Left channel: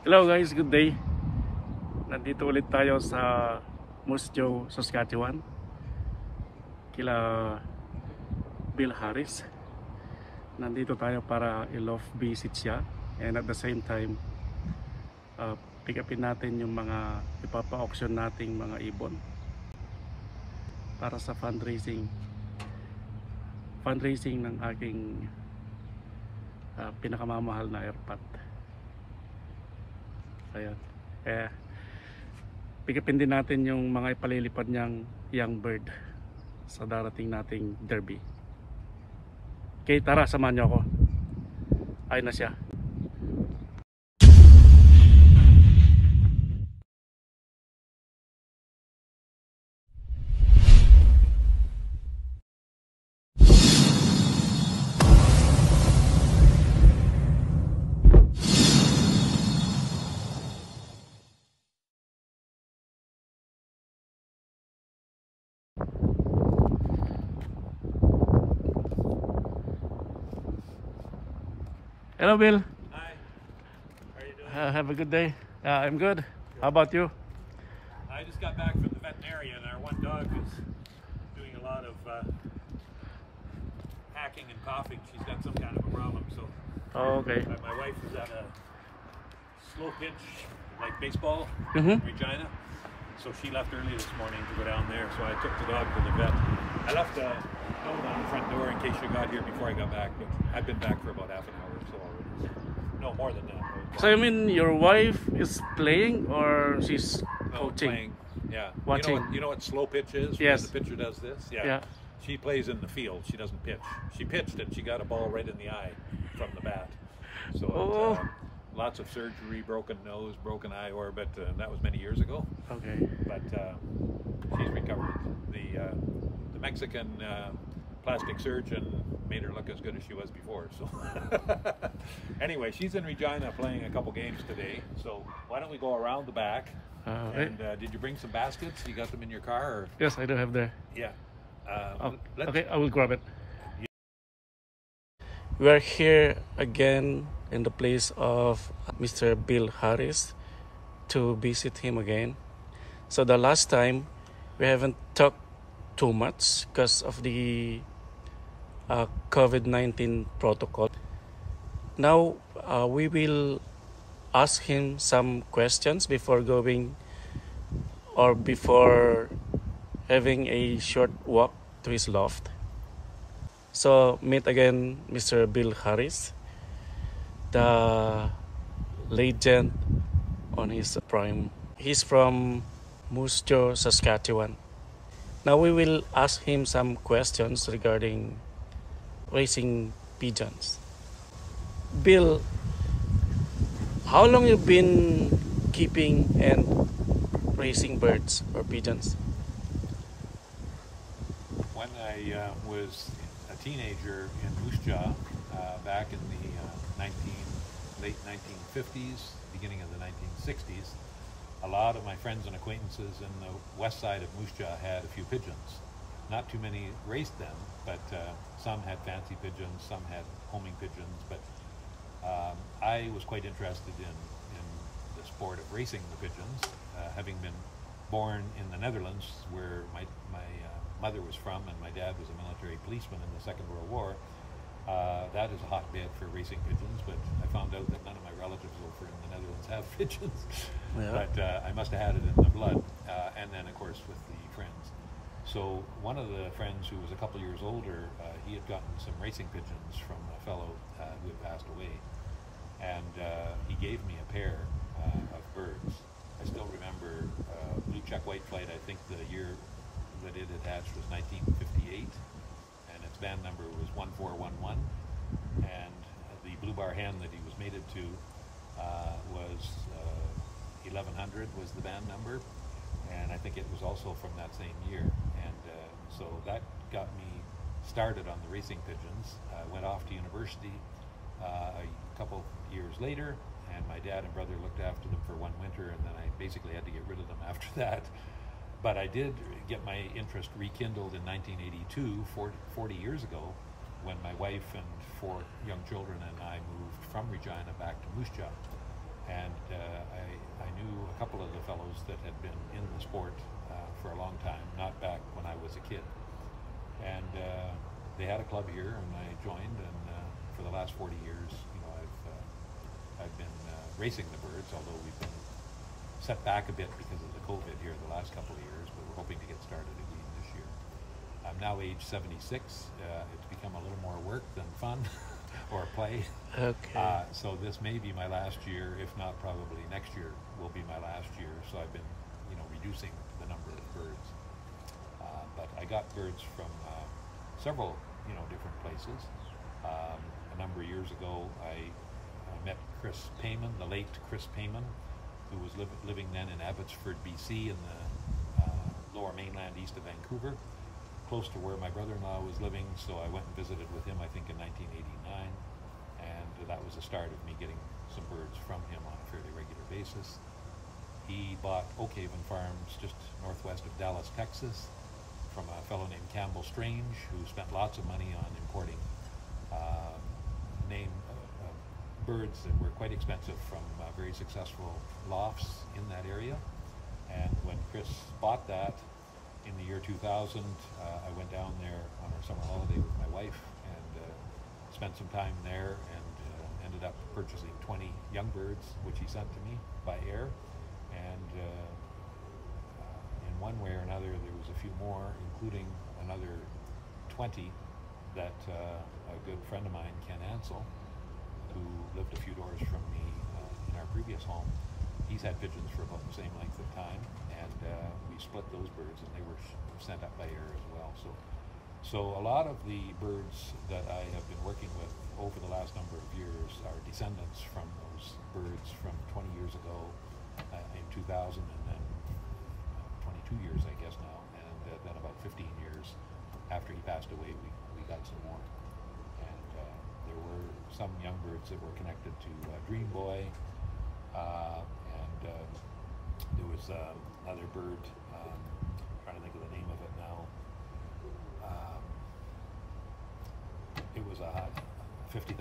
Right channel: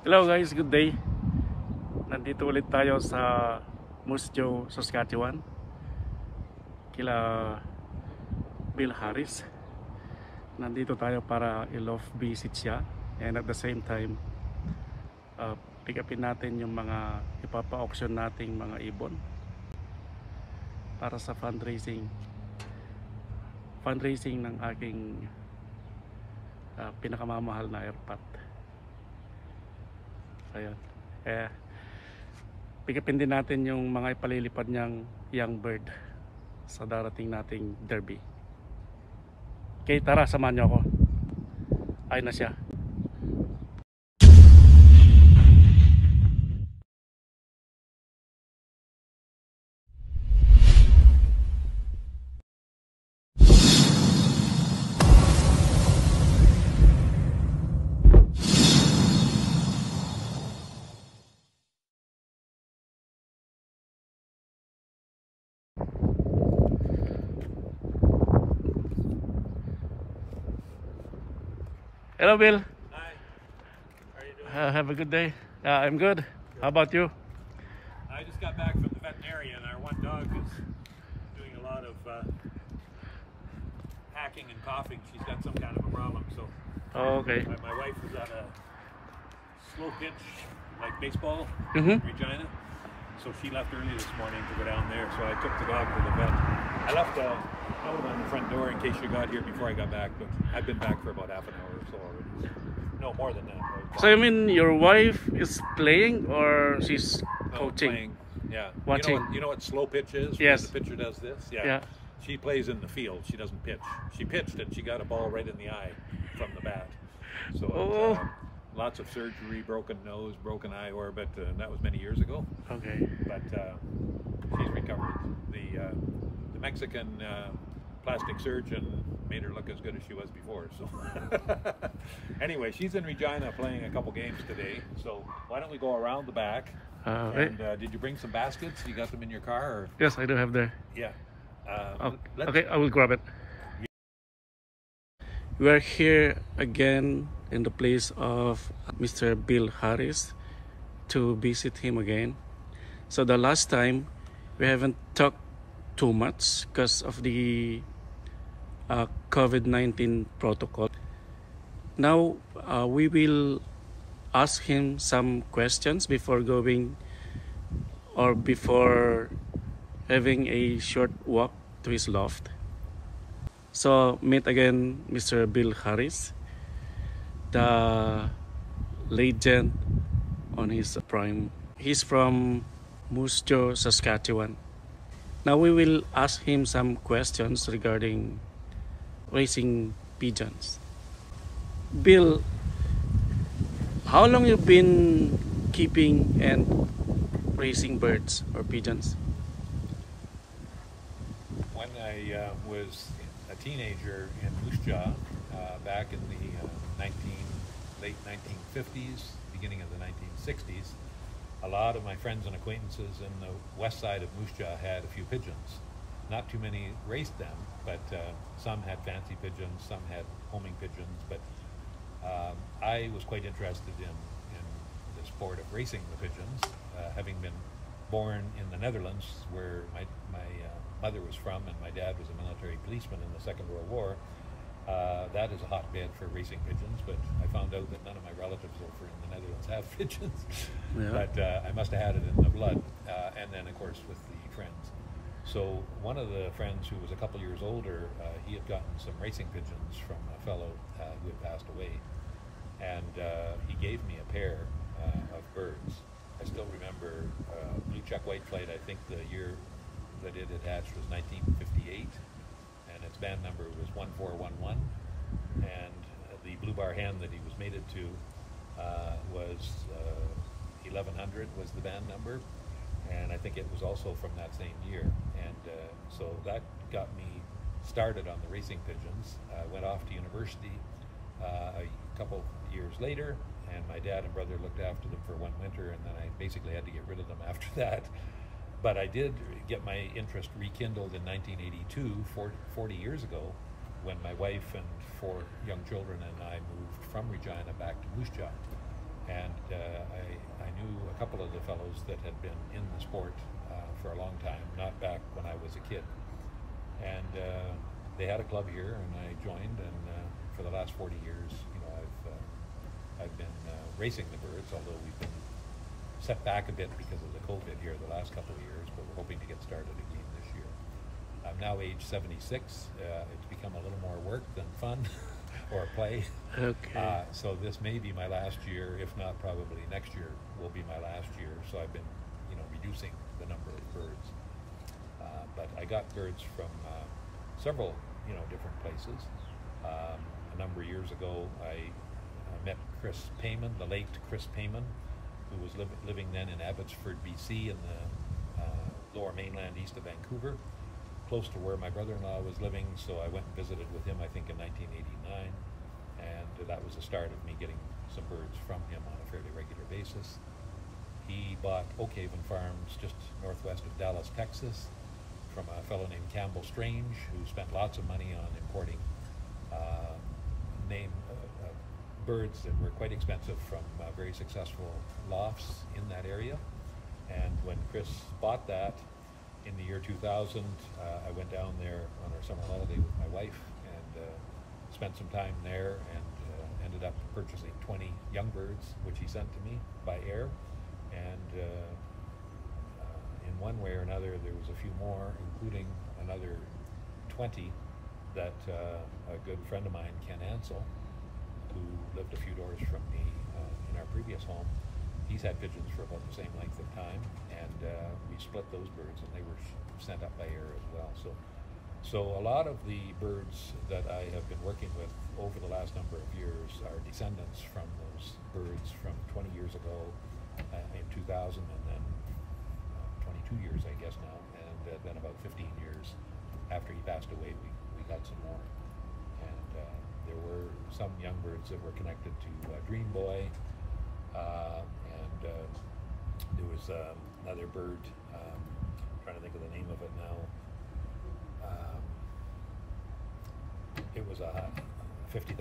Hello guys, good day. Nandito ulit tayo sa Moose Jaw, Saskatchewan. Kila Bill Harris. Nandito tayo para i-loft visit siya. And at the same time, pick upin natin yung mga ipapa-auction nating mga ibon para sa fundraising ng aking pinakamamahal na airpot. Ayan. Pikapin din natin yung mga ipalilipad niyang young bird sa darating nating derby. Okay, tara, samahan niyo ako. Ayun na siya. Hello, Bill. Hi. How are you doing? Have a good day. I'm good. How about you? I just got back from the veterinarian. Our one dog is doing a lot of hacking and coughing. She's got some kind of a problem. So Okay. my wife was at a slow pitch, like baseball, Mm-hmm. in Regina. So she left early this morning to go down there. So I took the dog to the vet. I left a note on the front door in case you got here before I got back, but I've been back for about half an hour or so already. No, more than that. So you mean your wife is playing or she's No, coaching? playing. Yeah. Watching. You know what slow pitch is? Yes. The pitcher does this? Yeah. She plays in the field. She doesn't pitch. She pitched and she got a ball right in the eye from the bat. So Oh. lots of surgery, broken nose, broken eye orbit, and that was many years ago. Okay. But she's recovered. The Mexican plastic surgeon made her look as good as she was before. So anyway, she's in Regina playing a couple games today. So why don't we go around the back? And did you bring some baskets? You got them in your car? Or? Yes, I do have there. Yeah. Okay, I will grab it. We are here again in the place of Mr. Bill Harris to visit him again. So the last time we haven't talked too much because of the COVID-19 protocol. Now we will ask him some questions before going or before having a short walk to his loft. So meet again Mr. Bill Harris, the legend on his prime. He's from Moose Jaw, Saskatchewan. Now we will ask him some questions regarding raising pigeons. Bill, how long you been keeping and raising birds or pigeons? When I was a teenager in Moose Jaw, back in the late 1950s, beginning of the 1960s, a lot of my friends and acquaintances in the west side of Moose Jaw had a few pigeons. Not too many raised them, but some had fancy pigeons, some had homing pigeons, but I was quite interested in the sport of racing the pigeons, having been born in the Netherlands, where my mother was from, and my dad was a military policeman in the Second World War. That is a hotbed for racing pigeons, but I found out that none of my relatives over in the Netherlands have pigeons. Yeah. But I must have had it in the blood, and then of course with the friends. So one of the friends who was a couple years older, he had gotten some racing pigeons from a fellow who had passed away, and he gave me a pair of birds. I still remember blue check white flight. I think the year that it had hatched was 1958, and its band number was 1411, and the blue bar hen that he was mated to was 1100 was the band number, and I think it was also from that same year. And so that got me started on the racing pigeons. I went off to university a couple years later, and my dad and brother looked after them for one winter, and then I basically had to get rid of them after that. But I did get my interest rekindled in 1982, 40 years ago, when my wife and 4 young children and I moved from Regina back to Moose Jaw. And couple of the fellows that had been in the sport for a long time, not back when I was a kid. And they had a club here, and I joined. And for the last 40 years, you know, I've been racing the birds, although we've been set back a bit because of the COVID here the last couple of years, but we're hoping to get started again this year. I'm now age 76. It's become a little more work than fun or play. Okay. So this may be my last year, if not probably next year will be my last year. So I've been, you know, reducing the number of birds. But I got birds from several, you know, different places. A number of years ago, I met Chris Payman, the late Chris Payman, who was living then in Abbotsford, BC, in the lower mainland east of Vancouver, close to where my brother-in-law was living. So I went and visited with him, I think in 1989, and that was the start of me getting some birds from him on a fairly regular basis. He bought Oak Haven Farms just northwest of Dallas, Texas, from a fellow named Campbell Strange, who spent lots of money on importing birds that were quite expensive from very successful lofts in that area. And when Chris bought that in the year 2000, I went down there on our summer holiday with my wife and spent some time there, and ended up purchasing 20 young birds, which he sent to me by air. And in one way or another, there was a few more, including another 20 that a good friend of mine, Ken Ansell, who lived a few doors from me in our previous home, he's had pigeons for about the same length of time, and we split those birds, and they were sent up by air as well. So a lot of the birds that I have been working with over the last number of years are descendants from those birds from 20 years ago in 2000, and then 22 years, I guess now, and then about 15 years after he passed away, we got some more. And there were some young birds that were connected to Dream Boy, and there was another bird, trying to think of the name of it now. It was a $50,000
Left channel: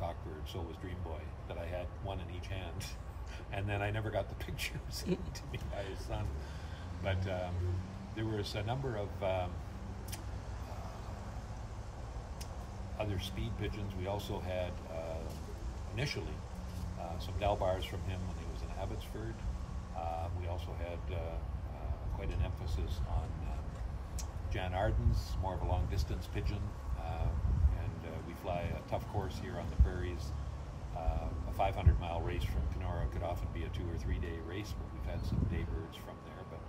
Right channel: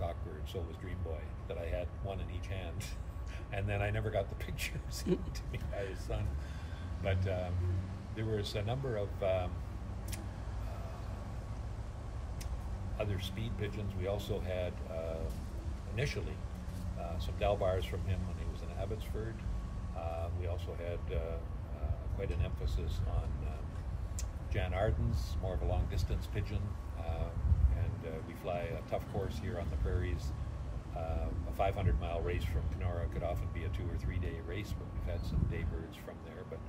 cockbird, so was Dream Boy, that I had one in each hand. And then I never got the pictures to me by his son. But there was a number of other speed pigeons. We also had initially some Delbars from him when he was in Abbotsford. We also had quite an emphasis on Jan Ardens, more of a long distance pigeon. And we fly a tough course here on the prairies. A 500-mile race from Kenora could often be a 2 or 3 day race, but we've had some day birds from there. But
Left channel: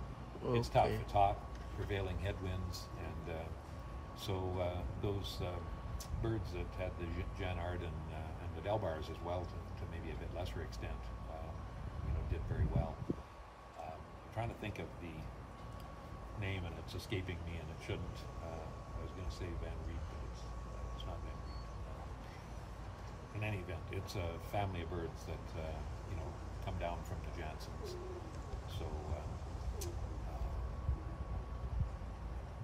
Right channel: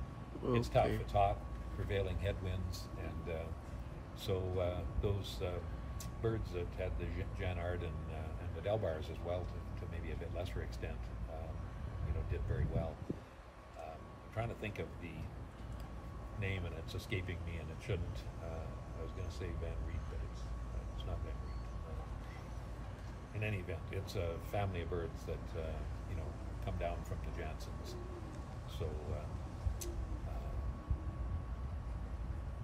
it's tough. It's hot, prevailing headwinds, and so those birds that had the Jan Arden and the Delbars as well, to maybe a bit lesser extent, you know, did very well. I'm trying to think of the name, and it's escaping me, and it shouldn't. I was going to say Van Riet, but it's not Van Riet. In any event, it's a family of birds that you know, come down from the Jansons. So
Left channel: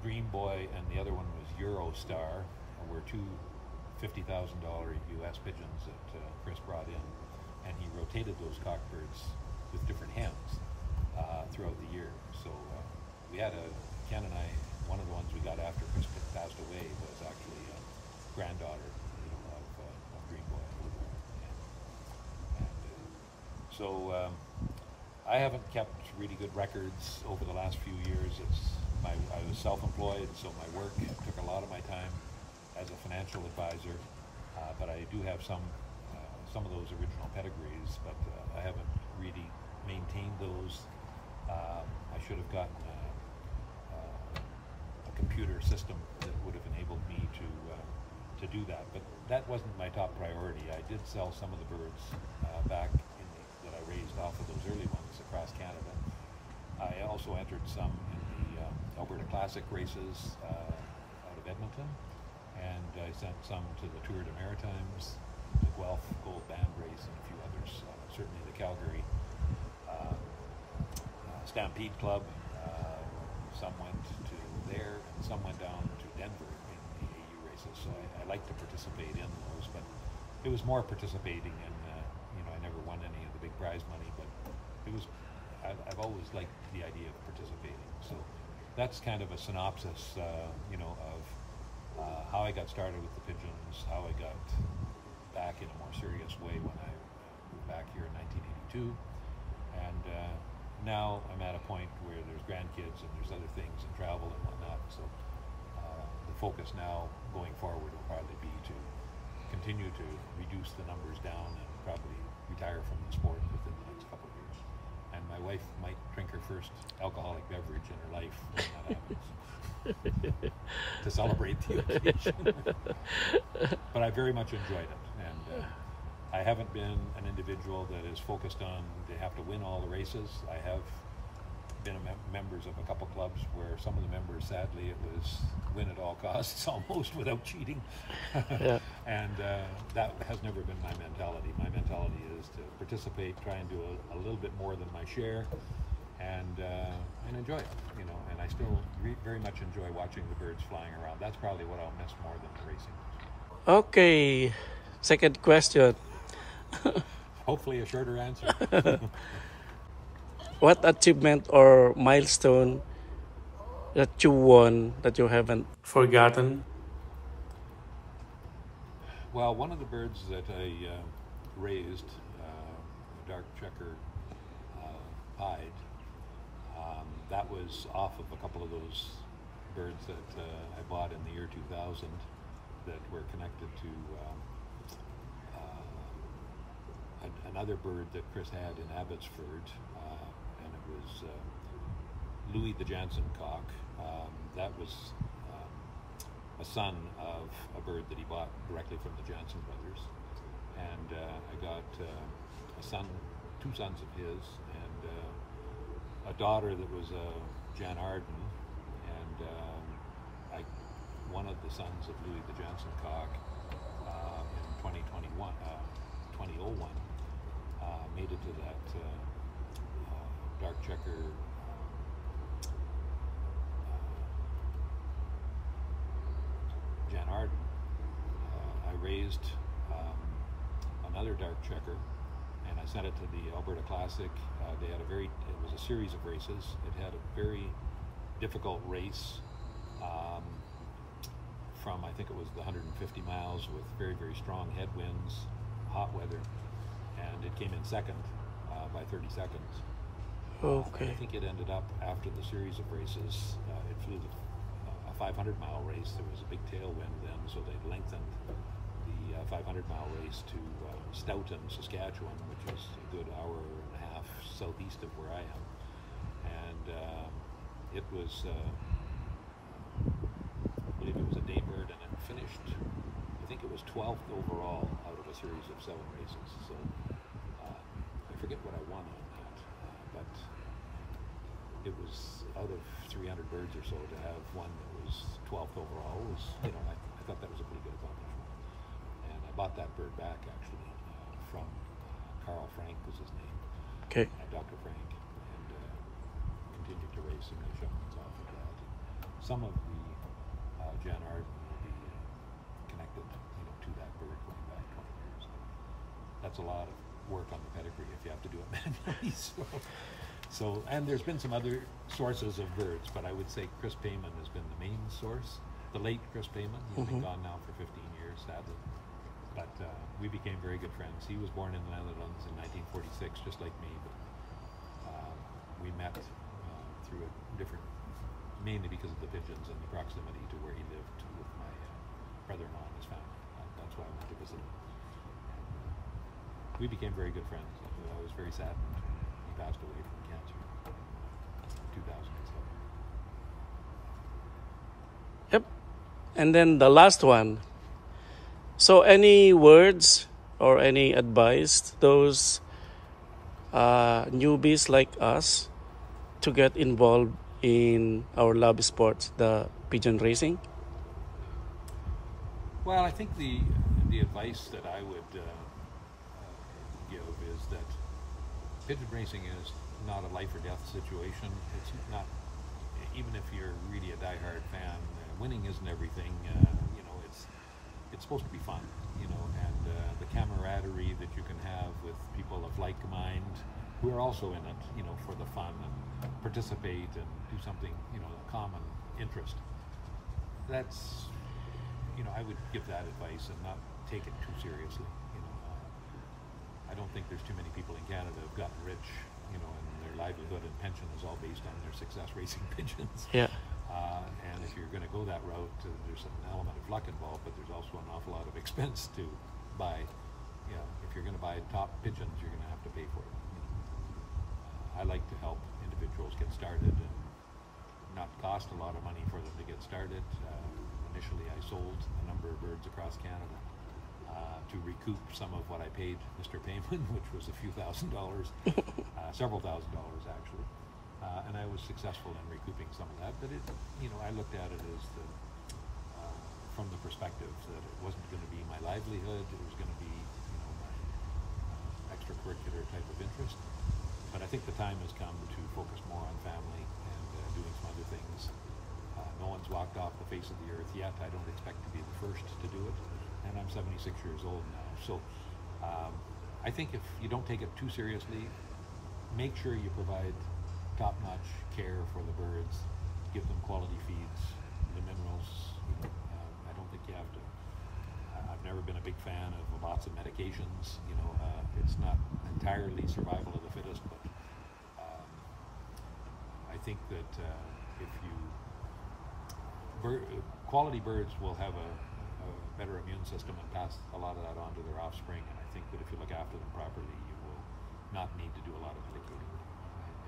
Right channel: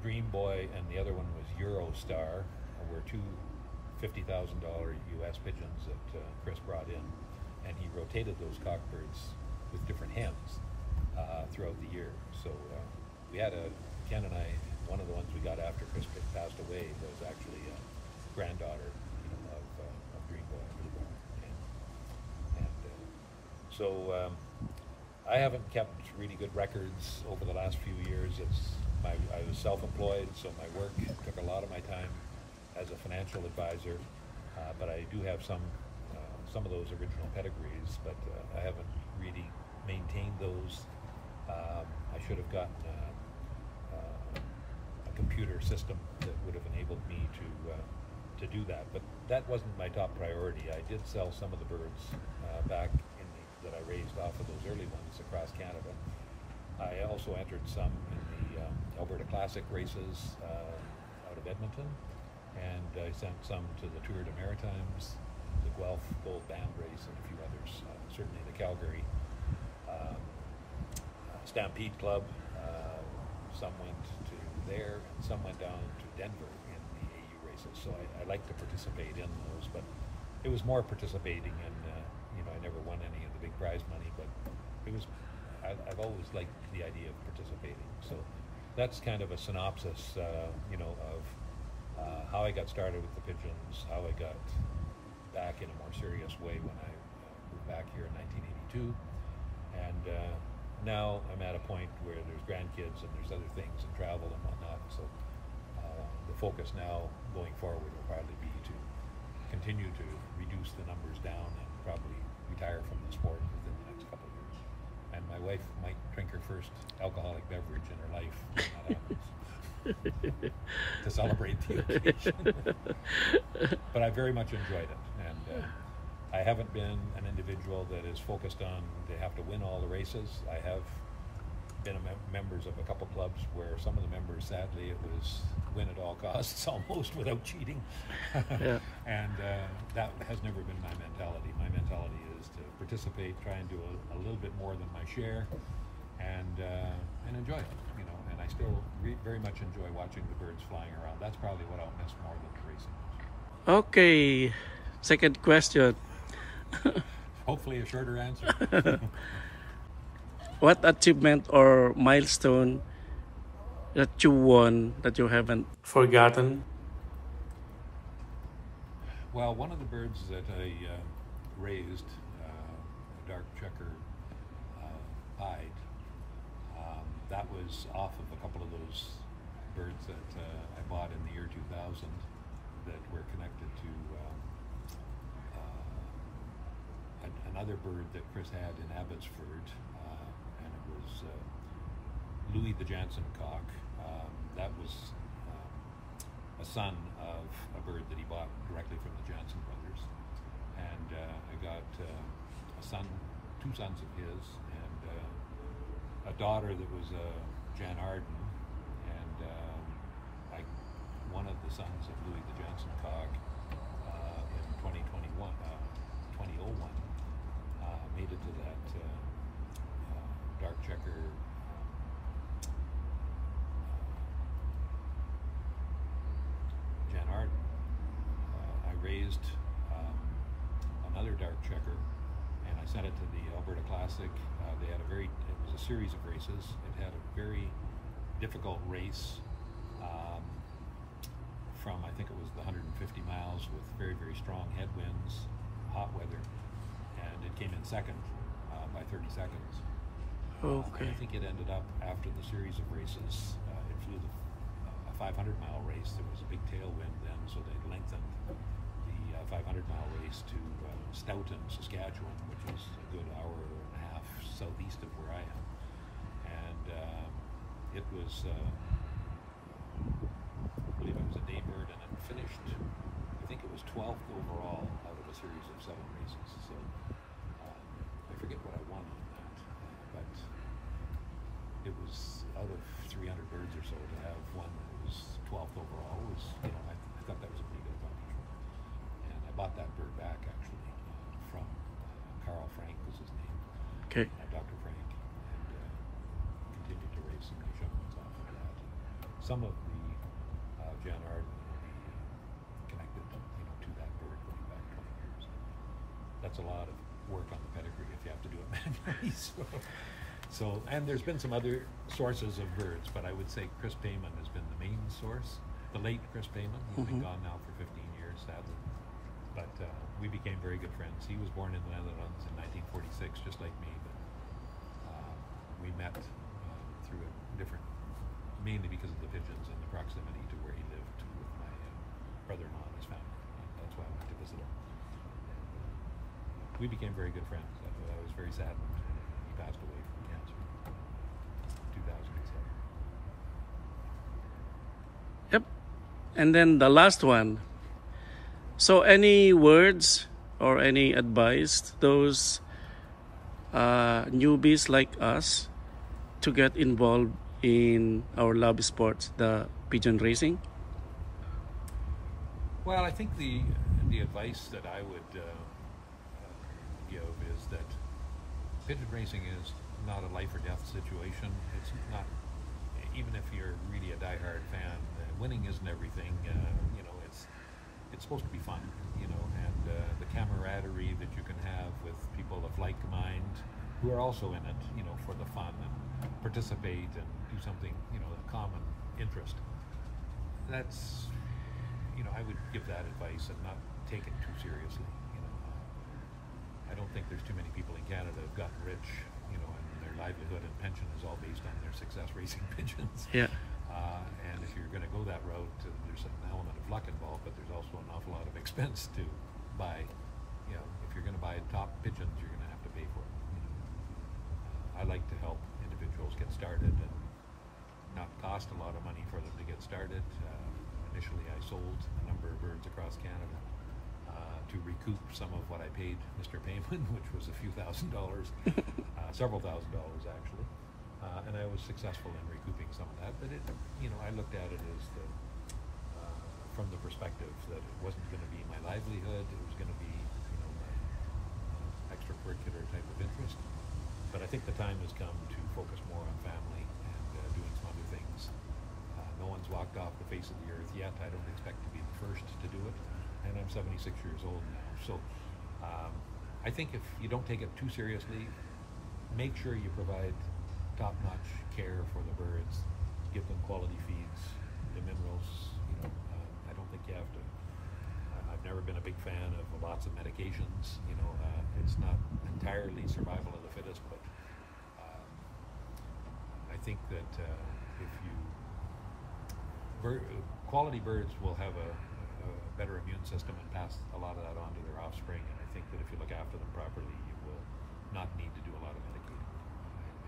Dream Boy and the other one was Eurostar, were two $50,000 US pigeons that Chris brought in, and he rotated those cockbirds with different hens throughout the year. So we had Ken and I, one of the ones we got after Chris passed away was actually a granddaughter, you know, of Dream Boy. So I haven't kept really good records over the last few years. I was self-employed, so my work took a lot of my time as a financial advisor, but I do have some of those original pedigrees, but I haven't really maintained those. I should have gotten a computer system that would have enabled me to do that, but that wasn't my top priority. I did sell some of the birds back that I raised off of those early ones across Canada. I also entered some in the Alberta Classic races out of Edmonton, and I sent some to the Tour de Maritimes, the Guelph Gold Band race, and a few others. Certainly the Calgary Stampede Club. Some went to there, and some went down to Denver in the AU races. So I like to participate in those, but it was more participating in, you know, I never won any of the big prize money, but it was, I I've always liked the idea of participating. So that's kind of a synopsis, you know, of how I got started with the pigeons, how I got back in a more serious way when I moved back here in 1982, and now I'm at a point where there's grandkids and there's other things and travel and whatnot. So the focus now going forward will probably be to continue to reduce the numbers down and probably retire from the sport within the next couple of years. And my wife might drink her first alcoholic beverage in her life when that happens. To celebrate the occasion. But I very much enjoyed it, and I haven't been an individual that is focused on to have to win all the races. I have been members of a couple clubs where some of the members, sadly, it was win at all costs almost without cheating. Yeah. And that has never been my mentality. My mentality is to participate, try and do a little bit more than my share, and enjoy it, you know. And I still very much enjoy watching the birds flying around. That's probably what I'll miss more than the racing. Okay, second question. Hopefully a shorter answer. What achievement or milestone that you won that you haven't forgotten? Well, one of the birds that I raised, a dark checker pied, that was off of a couple of those birds that I bought in the year 2000 that were connected to another bird that Chris had in Abbotsford, and it was Louis the Jansen cock. That was a son of a bird that he bought directly from the Jansen brothers, and I got a son, two sons of his, and a daughter that was Jan Arden, and one of the sons of Louis the Jansen cock in 2001 made it to that dark checker Jan Arden. I raised another dark checker, and I sent it to the Alberta Classic. They had it was a series of races. It had a very difficult race from, I think it was the 150 miles with very, very strong headwinds, hot weather, and it came in second by 30 seconds. Okay. I think it ended up, after the series of races, it flew a 500-mile race. There was a big tailwind then, so they lengthened the 500-mile race to Stoughton, Saskatchewan, which is a good hour and a half southeast of where I am. And it was, I believe it was a day bird, and it finished, I think it was 12th overall out of a series of 7 races. So I forget what I won on that, but it was out of 300 birds or so to have one that was 12th overall was, you know, I thought that was a pretty good accomplishment. And I bought that bird back actually from Carl Frank was his name. Okay. Dr. Frank, and continued to raise some new shipments off of that. Some of the Jan Arden will be connected, you know, to that bird going back 20 years. That's a lot of work on the pedigree if you have to do it manually. So, and there's been some other sources of birds, but I would say Chris Payman has been the main source. The late Chris Payman, he's been gone now for 15 years, sadly. But we became very good friends. He was born in the Netherlands in 1946, just like me. But we met through a different, mainly because of the pigeons and the proximity to where he lived with my brother-in-law and his family. That's why I went to visit him. And, we became very good friends. I was very saddened when he passed away from cancer in 2007. Yep. And then the last one. So any words or any advice to those newbies like us to get involved in our love sports, the pigeon racing? Well, I think the advice that I would give is that pigeon racing is not a life or death situation. It's not, even if you're really a diehard fan, winning isn't everything. You know, it's supposed to be fun, you know, and the camaraderie that you can have with people of like mind who are also in it, you know, for the fun and participate and do something, you know, a common interest. That's, you know, I would give that advice and not take it too seriously. You know, I don't think there's too many people in Canada who've gotten rich, you know, and their livelihood and pension is all based on their success racing pigeons. Yeah. And if you're going to go that route, there's an element of luck involved, but there's also an awful lot of expense to buy. You know, if you're going to buy top pigeons, you're going to have to pay for it. You know. I like to help individuals get started and not cost a lot of money for them to get started. Initially, I sold a number of birds across Canada to recoup some of what I paid Mr. Payman, which was a few $1,000s, several $1,000s actually. And I was successful in recouping some of that, but it, you know, I looked at it as from the perspective that it wasn't going to be my livelihood; it was going to be, you know, my extracurricular type of interest. But I think the time has come to focus more on family and doing some other things. No one's walked off the face of the earth yet. I don't expect to be the first to do it, and I'm 76 years old now. So I think if you don't take it too seriously, make sure you provide top-notch care for the birds, give them quality feeds, the minerals. You know, I don't think you have to. I've never been a big fan of lots of medications. You know, it's not entirely survival of the fittest, but I think that if you quality birds will have a better immune system and pass a lot of that on to their offspring. And I think that if you look after them properly, you will not need to do a lot of medicating.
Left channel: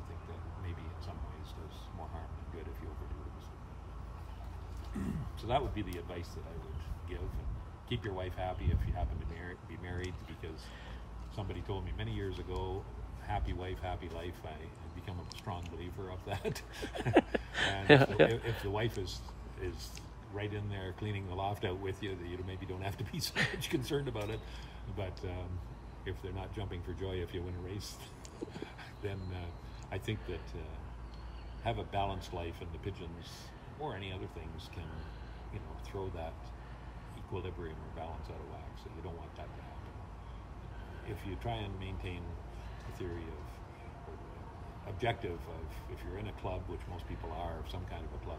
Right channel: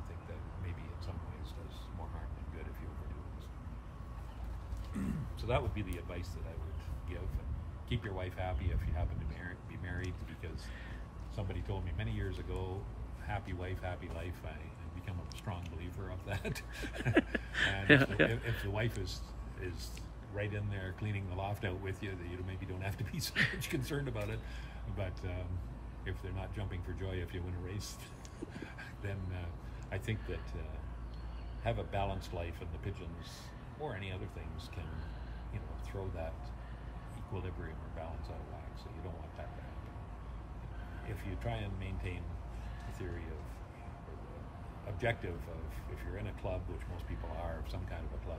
I think that maybe in some ways does more harm than good if you overdo it. So that would be the advice that I would give. And keep your wife happy if you happen to be married, because somebody told me many years ago, happy wife, happy life. I've become a strong believer of that. And if the wife is right in there cleaning the loft out with you, that you maybe don't have to be so much concerned about it. But if they're not jumping for joy if you win a race, then I think that have a balanced life, and the pigeons or any other things can, you know, throw that equilibrium or balance out of whack. So you don't want that to happen. If you try and maintain the theory of, or the objective of, if you're in a club, which most people are, some kind of a club,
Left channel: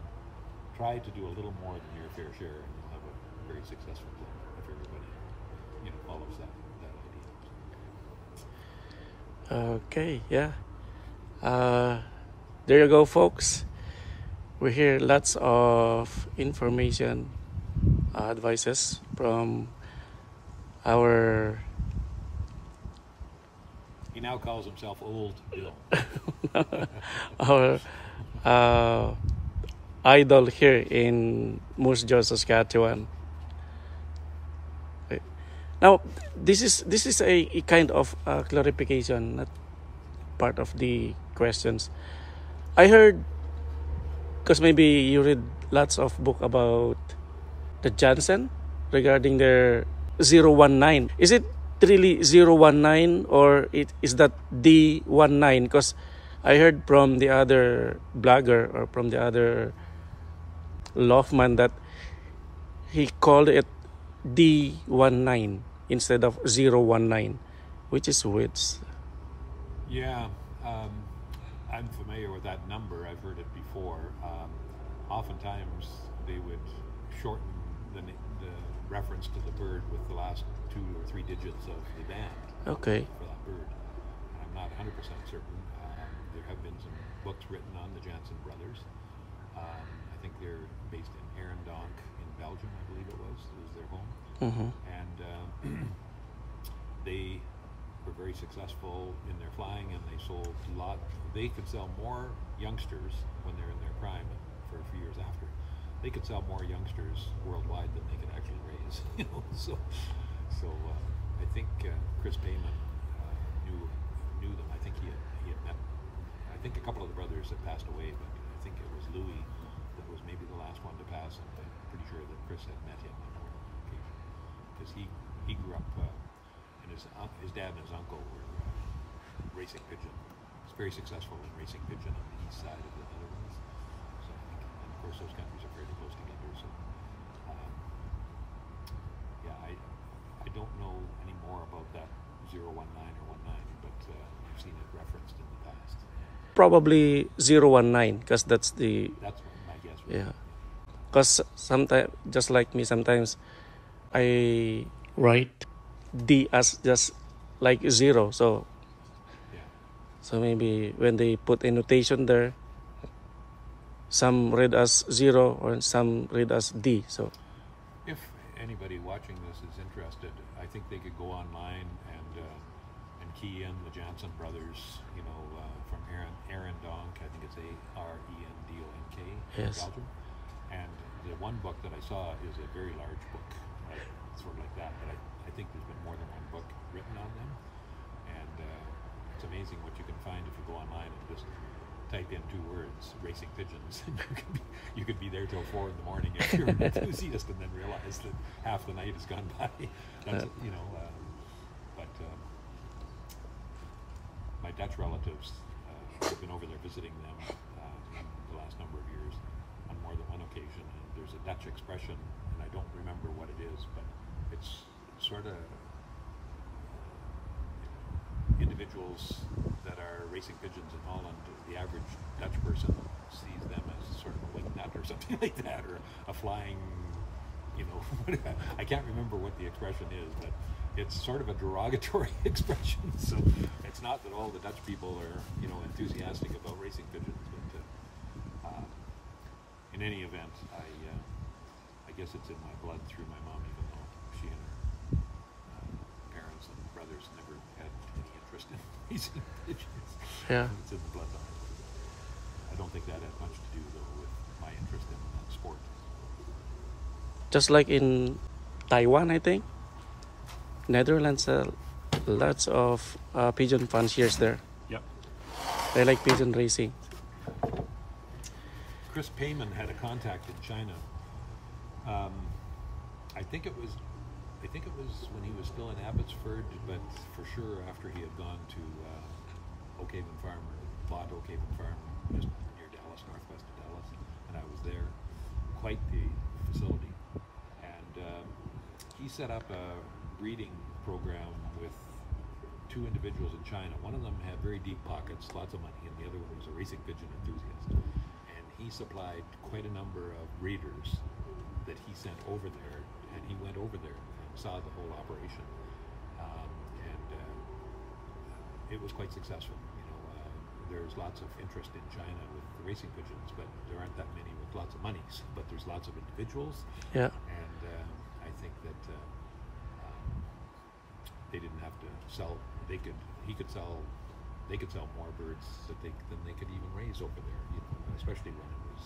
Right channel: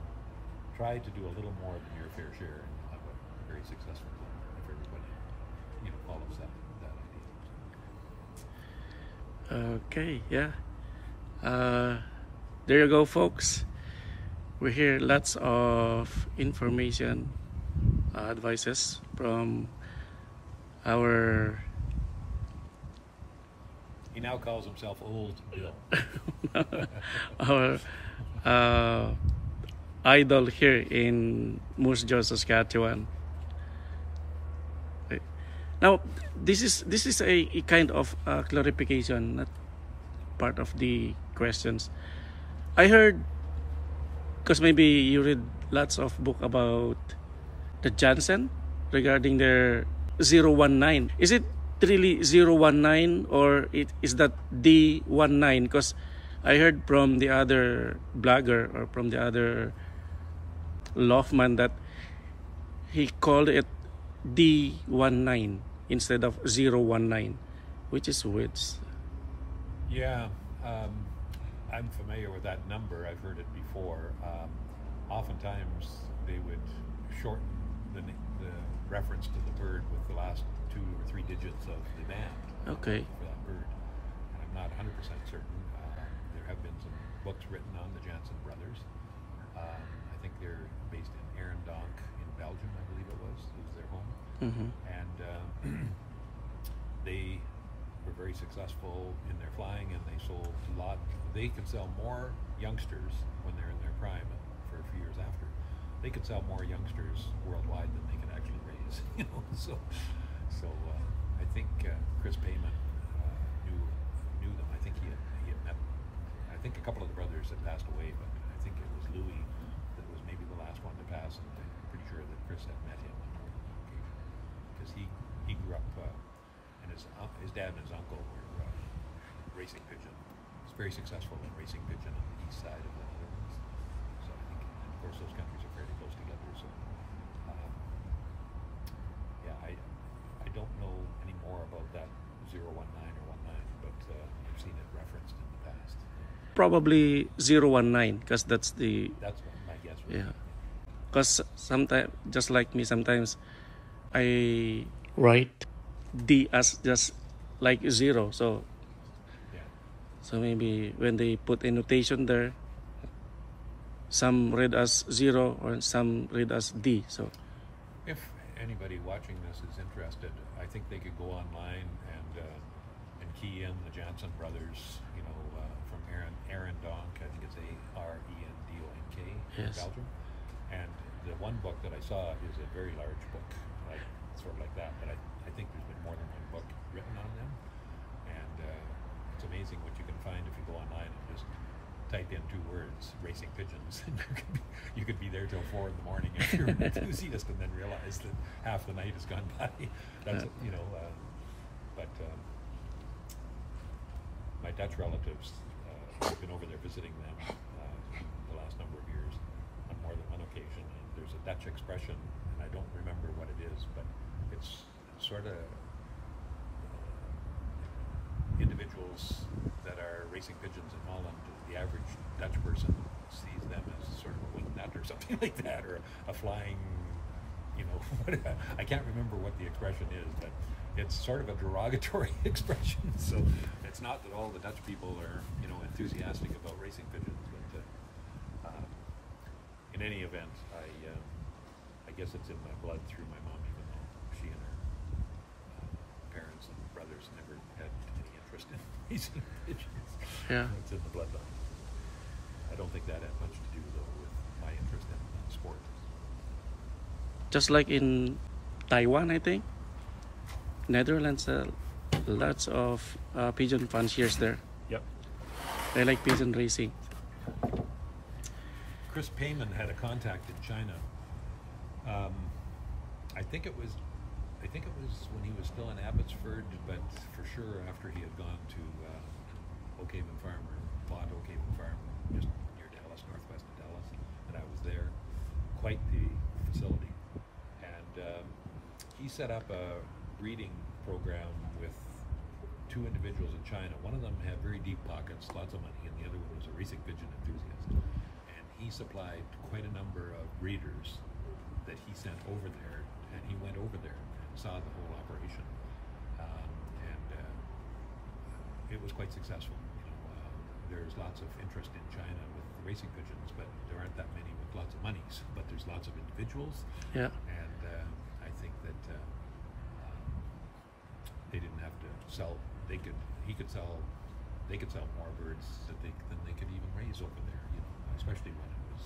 try to do a little more than your fair share, and you'll have a very successful club if everybody, you know, follows that idea. Okay, yeah. There you go, folks. We hear lots of information, advices from our... He now calls himself Old Bill. our idol here in Moose Jaw, Saskatchewan. Now, this is a kind of clarification, not part of the questions. I heard, because maybe you read lots of book about the Jansen regarding their 019. Is it really 019, or is that D19? Because I heard from the other blogger or from the other Loftman that he called it D19 instead of 019, which is weird. Yeah, I'm familiar with that number. I've heard it before. Oftentimes they would shorten the reference to the bird with the last 2 or 3 digits of the band. Okay. For that bird. I'm not 100% certain. There have been some books written on the Jansen brothers. I think they're based in Arendonk in Belgium, I believe it was their home. Mm-hmm. And they were very successful in their flying, and they sold a lot. They could sell more youngsters when they're in their prime, for a few years after. They could sell more youngsters worldwide than they could actually raise. You know, so I think Chris Payman knew them. I think he had met. I think a couple of the brothers had passed away, but I think it was Louis that was maybe the last one to pass, and I'm pretty sure that Chris had met him on more than one occasion, because he grew up, and his dad and his uncle were racing pigeon. He's very successful in racing pigeon on the east side of the Netherlands. So I think, and of course, those countries are fairly close together. So yeah, I don't know any more about that 019 or 19, but if I've seen it referenced in the past. Probably 019 because that's the That's what my guess was. yeah. Because sometimes, just like me, sometimes I write D as just like 0. So Yeah. so maybe when they put a notation there, some read as 0 or some read as D. So If anybody watching this is interested, I think they could go online and key in the Jansen brothers. You know, from Aaron Donk. I think it's Arendonk in Yes. Belgium. And the one book that I saw is a very large book, like sort of like that. But I think there's been more than one book written on them, and it's amazing what you can find if you go online and just type in 2 words, racing pigeons, and you could be there till 4 in the morning if you're an enthusiast, and then realize that half the night has gone by. That's you know, but my Dutch relatives, I've been over there visiting them in the last number of years on more than one occasion, and there's a Dutch expression, and I don't remember what it is, but it's sort of individuals that are racing pigeons in Holland. The average Dutch person sees them as sort of a wing nut or something like that, or a flying, you know, I can't remember what the expression is, but it's sort of a derogatory expression. So it's not that all the Dutch people are, you know, enthusiastic about racing pigeons, but in any event, I guess it's in my blood through my mom, even though she and her parents and brothers never had any interest in racing pigeons. yeah. It's in the bloodline. I don't think that had much to do, though, with my interest in sport. Just like in Taiwan, I think. Netherlands, lots of pigeon fanciers there. Yep. They like pigeon racing. Chris Payman had a contact in China. I think it was when he was still in Abbotsford, but for sure after he had gone to Oakhaven Farm, or bought Oakhaven Farm, just near Dallas, northwest of Dallas, and I was there. Quite the facility. And he set up a breeding program with 2 individuals in China. One of them had very deep pockets, lots of money, and the other one was a racing pigeon enthusiast. And he supplied quite a number of breeders that he sent over there, and he went over there, saw the whole operation, and it was quite successful. You know, there's lots of interest in China with the racing pigeons, but there aren't that many with lots of monies. But there's lots of individuals, Yeah. and I think that they didn't have to sell. They could sell more birds than they could even raise over there. You know, especially when it was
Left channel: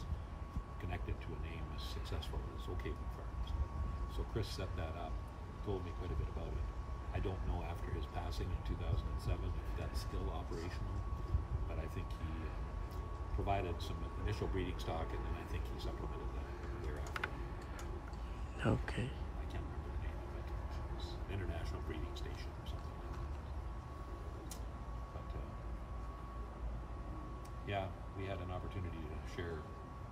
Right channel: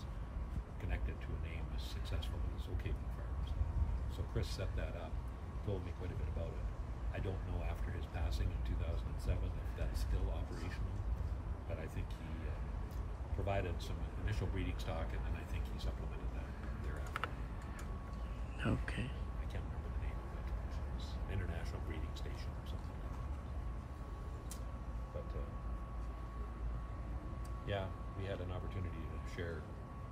connected to a name as successful as Oakhaven Farms. So Chris set that up, told me quite a bit about it. I don't know after his passing in 2007 if that's still operational, but I think he provided some initial breeding stock, and then I think he supplemented that thereafter. Okay. I can't remember the name of it. It was an international breeding station or something. But yeah, we had an opportunity to share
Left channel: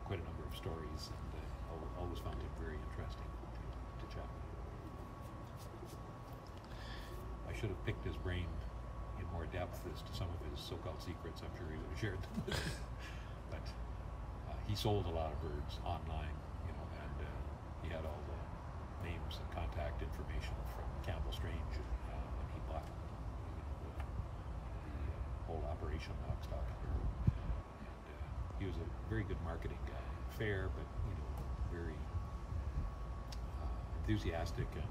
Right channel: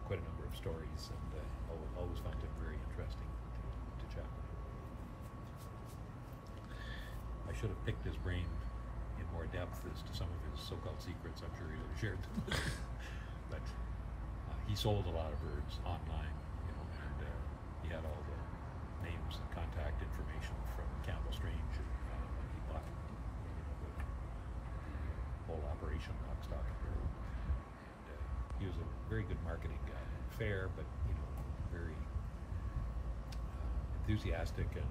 quite a number of stories, and I always found him very interesting to chat with. I should have picked his brain in more depth as to some of his so-called secrets. I'm sure he would have shared them with me. But he sold a lot of birds online, you know, and he had all the names and contact information from Campbell Strange when he bought the whole operation, lock, stock, and barrel. And he was a very good marketing guy. Fair, but you know, very enthusiastic and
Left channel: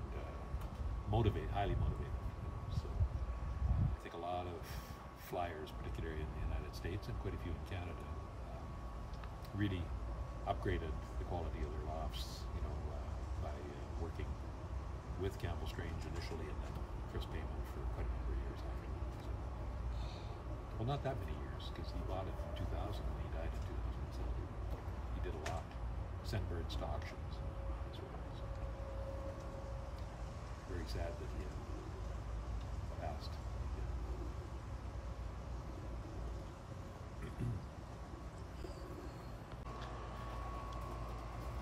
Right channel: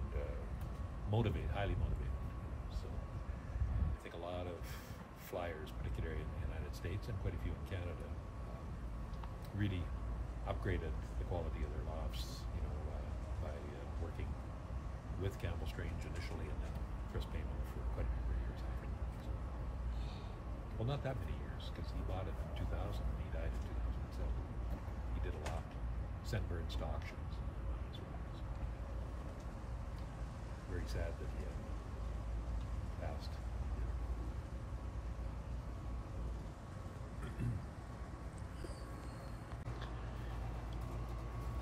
highly motivated. You know, so I think a lot of flyers, particularly in the United States and quite a few in Canada, really upgraded the quality of their lofts. You know, by working with Campbell Strange initially, and then Chris Payman for quite a number of years after. So, well, not that many years, because he bought it in 2000 and he died in 2007. He did a lot, sent birds to auctions as well. So, very sad that he had passed.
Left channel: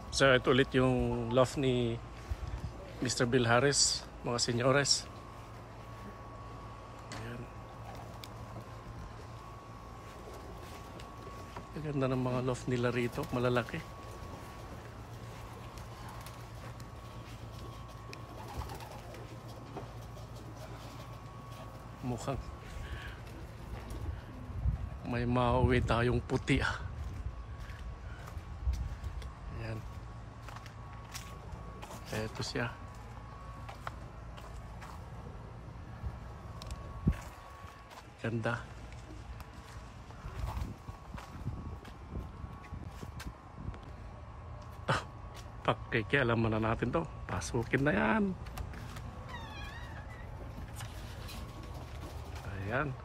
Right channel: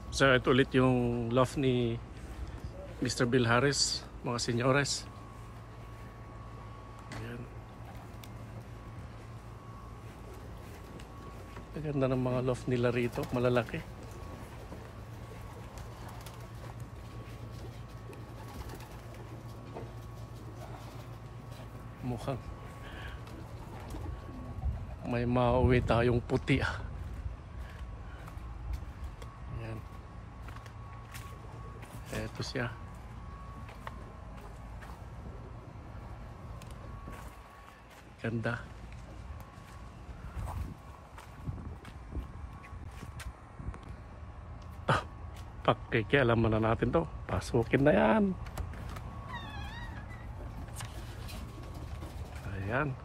So ito ulit yung loft ni Mr. Bill Harris, mga senyores. Ayan. Ganda ng mga loft nila rito, malalaki. Mukhang may mauwi tayong puti ah. Ayan. Eto siya. Ganda. Pakikialaman na natin to. Pasukin na yan. Ayan.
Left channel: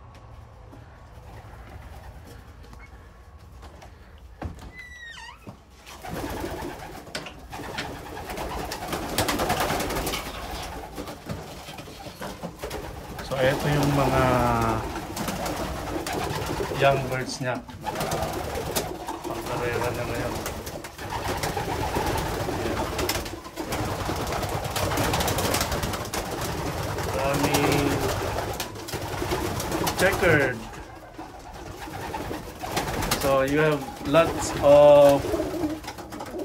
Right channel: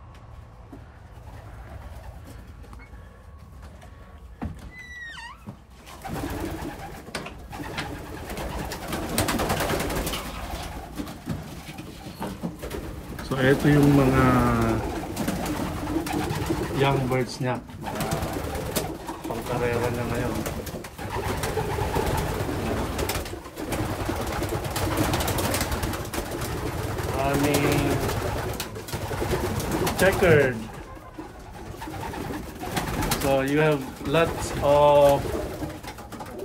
So ito yung mga young birds niya. Pangkarera niya ngayon. Checkered. So you have lots of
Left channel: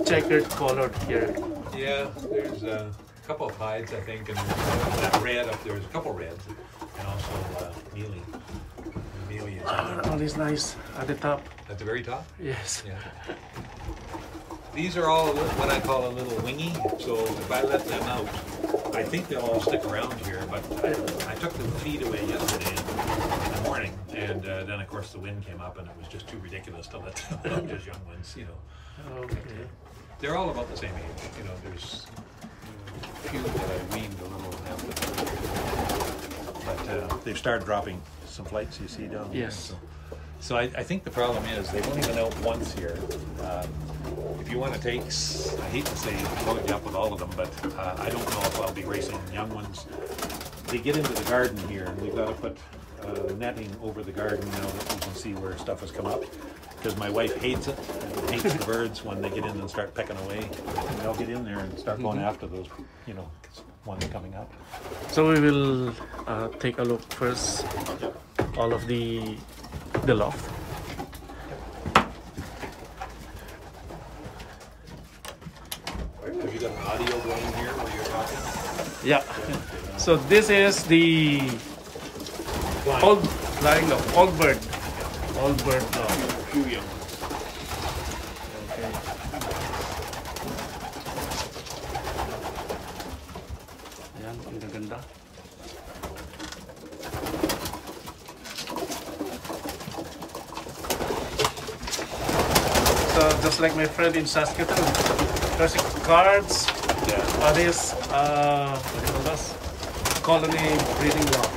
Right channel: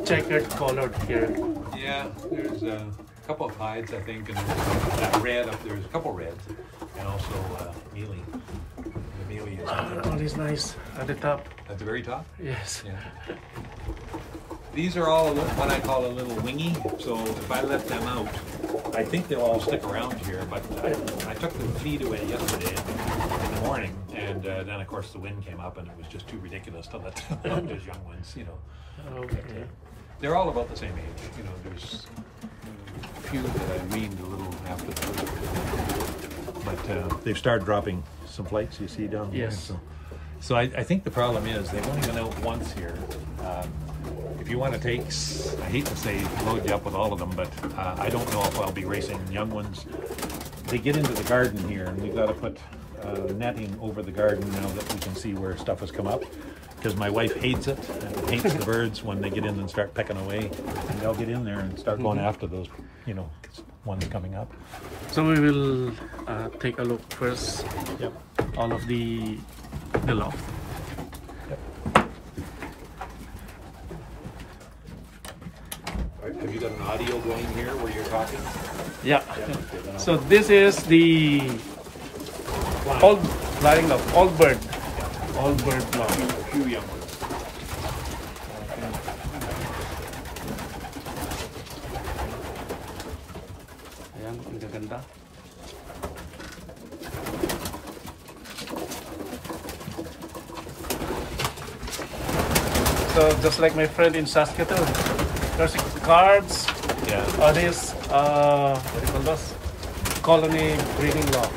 checkered colored here. Yeah, there's a couple of hides, I think, and there's that red up there. There's a couple reds, and also mealy. The mealy is That one is nice at the top. at the very top. Yes. Yeah. These are all what I call a little wingy. So if I let them out, I think they'll all stick around here. But I took the feed away yesterday in the morning, and then of course the wind came up, and it was just too ridiculous to let them out, those young ones. You know. Okay. But, they're all about the same age. You know, there's few that I've weaned a little left, but they've started dropping some flakes. You see down there. Yes. So I think the problem is they've only been out once here. If you want to take, I hate to say load you up with all of them, but I don't know if I'll be racing young ones. They get into the garden here, and we've got to put netting over the garden now that we can see where stuff has come up. Because my wife hates it, and hates the birds when they get in and start pecking away. And they'll get in there and start going after those, you know, ones coming up. So we will take a look first. Yep. All of the loft. Have you got an audio going here where you're talking? Yeah. So this is the old flying loft, old bird loft. Few young ones. Okay. Ayan, ang gaganda. So just like my friend in Saskatoon, there's cards. Yeah. This what do you call this? Colony breeding loft.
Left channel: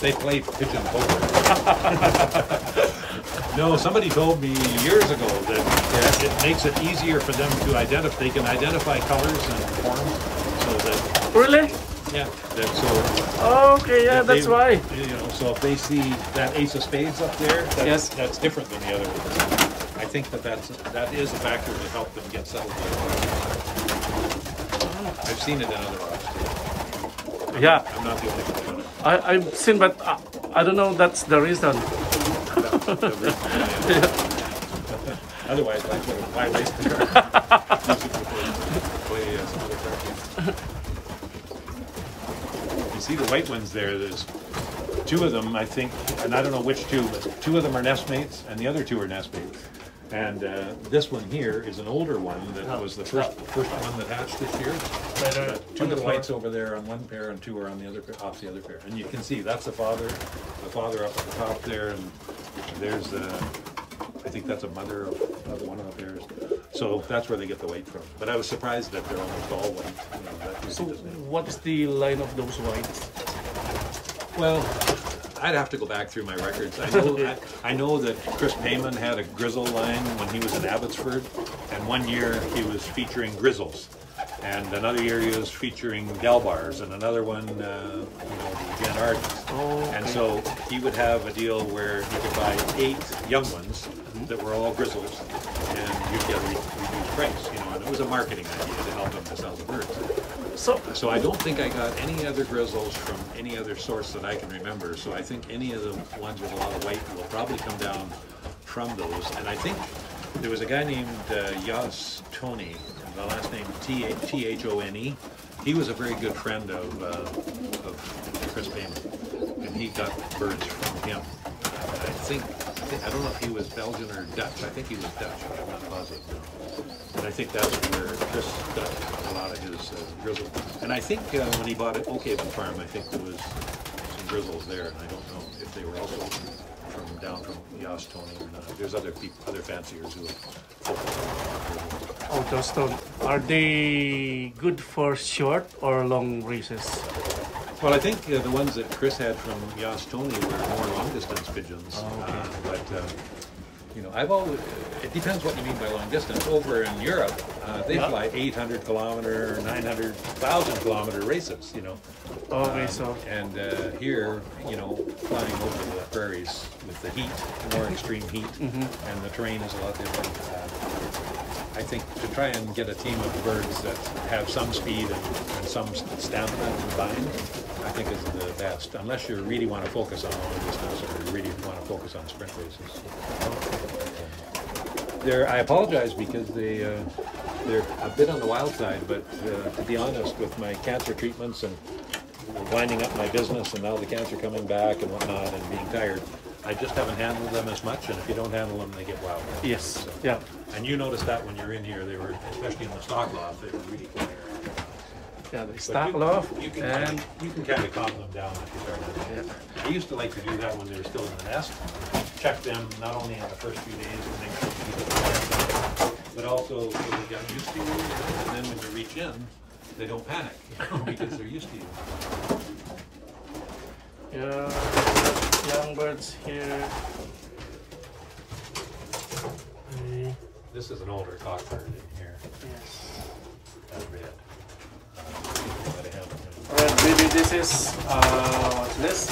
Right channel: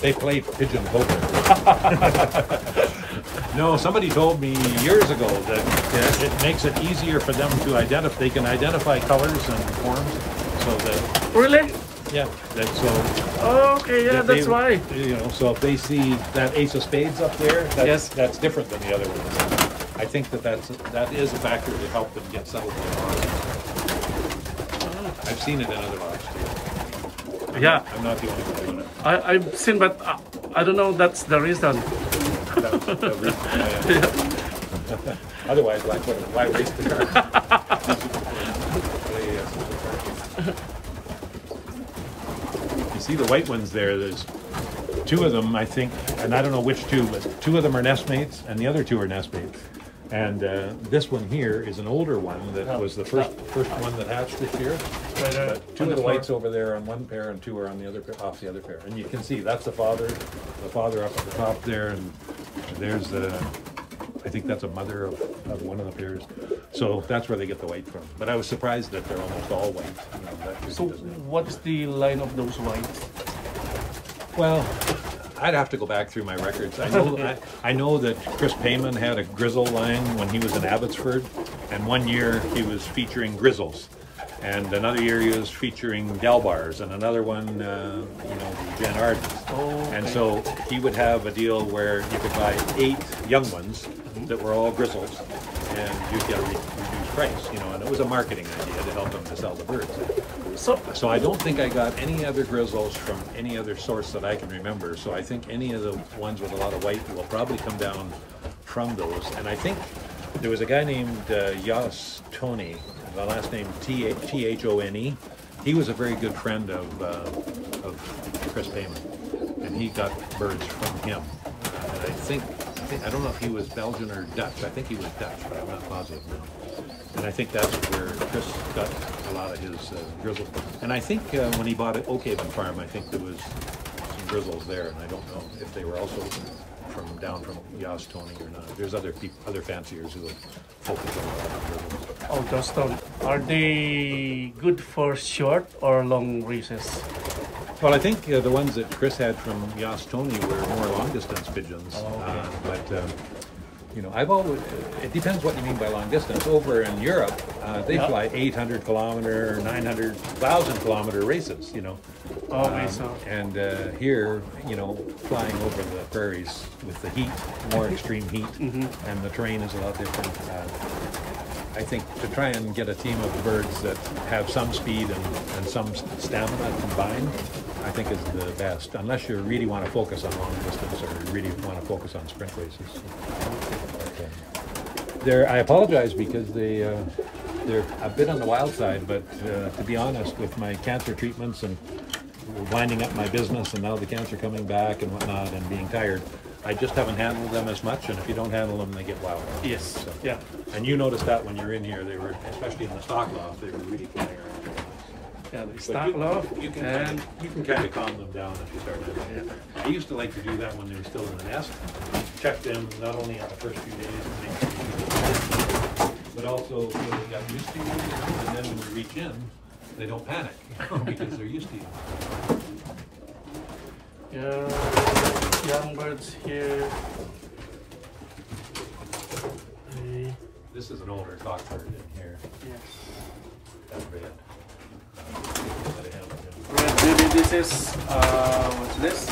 They play pigeon poker. No, somebody told me years ago that it makes it easier for them to identify. They can identify colors and forms. So that Really? yeah, that's so. Okay, yeah, that's why. You know, so if they see that ace of spades up there, Yes. that's different than the other ones. I think that is a factor to help them get settled. I've seen it in other dogs too. Yeah, I'm not the only one. I've seen, but I don't know that's the reason. Otherwise, why race the car? You see the white ones there, there's two of them, I think, and I don't know which two, but two of them are nestmates, and the other two are nestmates. And this one here is an older one that was the first one that hatched this year. Two of the whites over there on one pair, and two are on the other pair, off the other pair. And you can see that's the father up at the top there, and there's the, I think that's a mother of one of the pairs. So that's where they get the white from. But I was surprised that they're almost all white. You know, So what is the line of those whites? well, I'd have to go back through my records. I know that Chris Payman had a grizzle line when he was in Abbotsford, and one year he was featuring grizzles, and another year he was featuring Delbars, and another one, Jan Arden. Oh, okay. And so he would have a deal where you could buy 8 young ones that were all grizzles, and you get a reduced price, you know, and it was a marketing idea to help them to sell the birds. So I don't think I got any other grizzles from any other source that I can remember. So I think any of the ones with a lot of white will probably come down from those, and I think there was a guy named Yas Tony, the last name Thone. He was a very good friend of Chris Payman, and he got birds from him. But I don't know if he was Belgian or Dutch. I think he was Dutch, but I'm not positive. And I think that's where Chris got a lot of his grizzle. And I think when he bought Oakhaven Farm, I think there was some grizzles there, and I don't know if they were also down from Yas Tony. There's other people, other fanciers who have. Oh, those stone. Are they good for short or long races? Well, I think the ones that Chris had from Yas Tony were more long distance pigeons. Oh, okay. You know, I've always, it depends what you mean by long distance. Over in Europe, they fly 800 kilometer, 900,000 kilometer races, you know. Okay, so. And here, you know, flying over the prairies with the heat, more extreme heat, and the terrain is a lot different. I think to try and get a team of birds that have some speed and some stamina combined, I think is the best, unless you really want to focus on long distance or you really want to focus on sprint races. I apologize because they're a bit on the wild side, but to be honest, with my cancer treatments and winding up my business and now the cancer coming back and whatnot and being tired, I just haven't handled them as much, and if you don't handle them, they get wild. Yes, so, yeah. And you noticed that when you were in here, they were, especially in the stock loft, they were really clear. Yeah, the stock loft, you can and kind of calm them down if you start. Yeah. I used to like to do that when they were still in the nest. Check them not only on the first few days and make sure you do it, but also so they got used to you, and then when you reach in, they don't panic because they're used to you. Yeah, young birds here. This is an older cockbird in here. Yes. That's red. Alright, maybe this is what's this?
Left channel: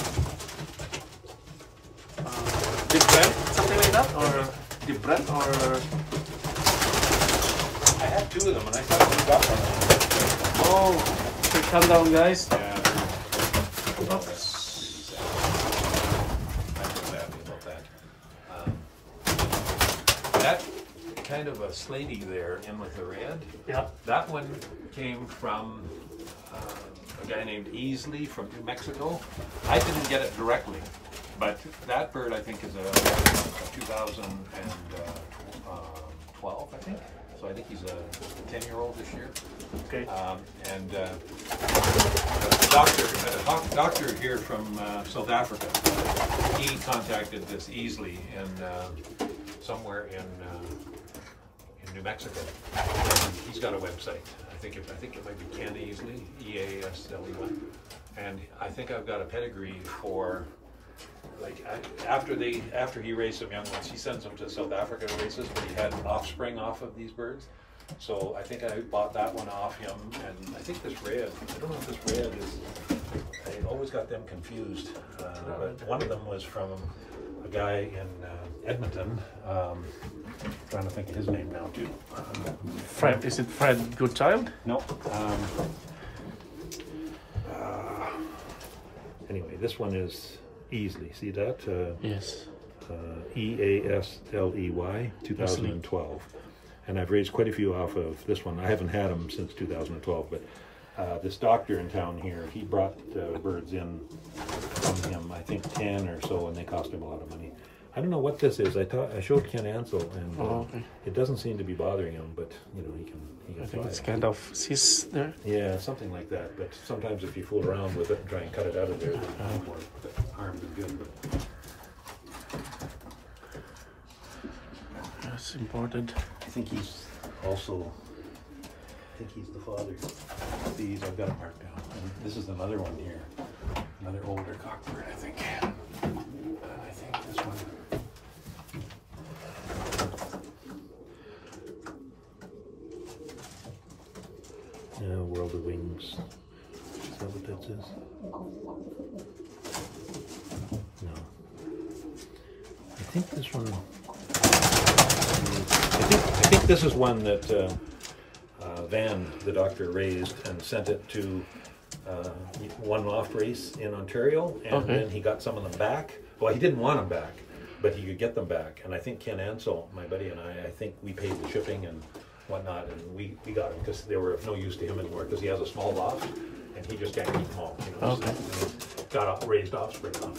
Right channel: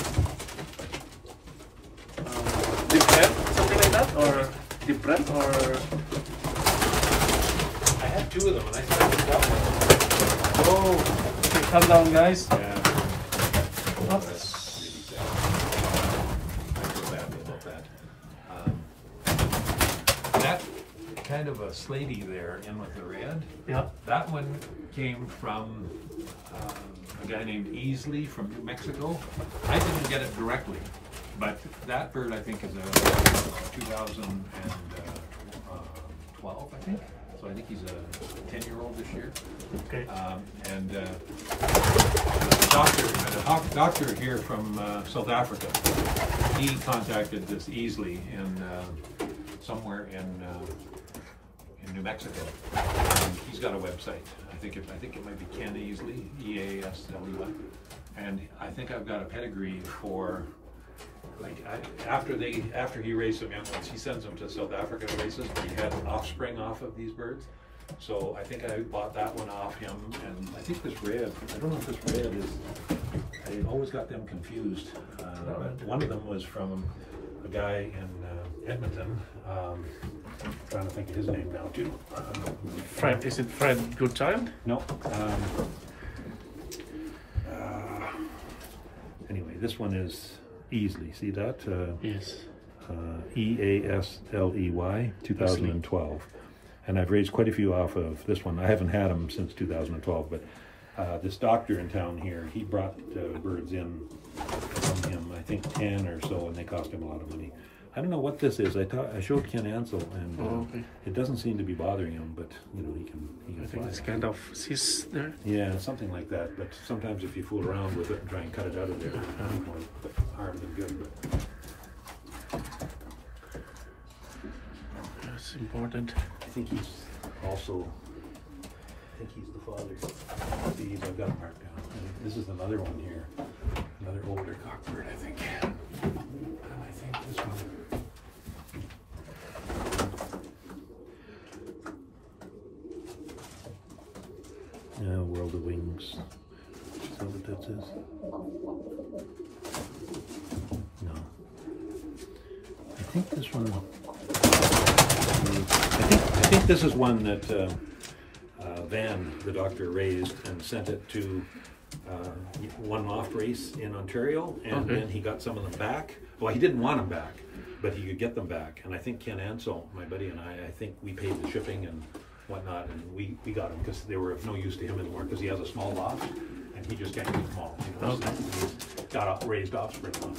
Different, something like that, or different, or I had two of them, and I thought we got one. oh, okay, calm down, guys. Yeah. Oh. That kind of a slatey there in with the red. Yeah. That one came from a guy named Easley from New Mexico. I didn't get it directly, but that bird I think is a 2012, I think. So I think he's a 10-year-old this year. Okay. A doctor here from South Africa, he contacted this Easley in somewhere in New Mexico. And he's got a website. I think it might be Ken Easley, E-A-S-L-E-Y. And I think I've got a pedigree for, like, after he raised some young ones, he sends them to South Africa races, but he had offspring off of these birds. So I think I bought that one off him, and I think this red, I don't know if this red is, I always got them confused. But one of them was from a guy in Edmonton. Trying to think of his name now too. Fred, is it Fred Goodchild? No. Anyway, this one is Easley. See that? Yes. E-A-S-L-E-Y, 2012. And I've raised quite a few off of this one. I haven't had them since 2012, but this doctor in town here, he brought birds in from him, I think 10 or so, and they cost him a lot of money. I don't know what this is. I showed Ken Ansel, and okay. It doesn't seem to be bothering him, but you know, he can I think fly it's it. kind of cis there. Yeah, something like that. But sometimes if you fool around with it and try and cut it out of there, the arms are good. But That's important. I think he's also. I think he's the father. These I've got them marked down. And this is another one here, another older cockbird, I think. And I think this one. Yeah, World of Wings. Is that what that says? No. I think this one. I think this is one that Van, the doctor, raised and sent it to one loft race in Ontario, and then he got some of them back. Well, he didn't want them back, but he could get them back. And I think Ken Ansel, my buddy, and I think we paid the shipping and whatnot, and we got them because they were of no use to him anymore because he has a small loft and he just can't keep them all. You know, Okay. so he's got raised offspring on.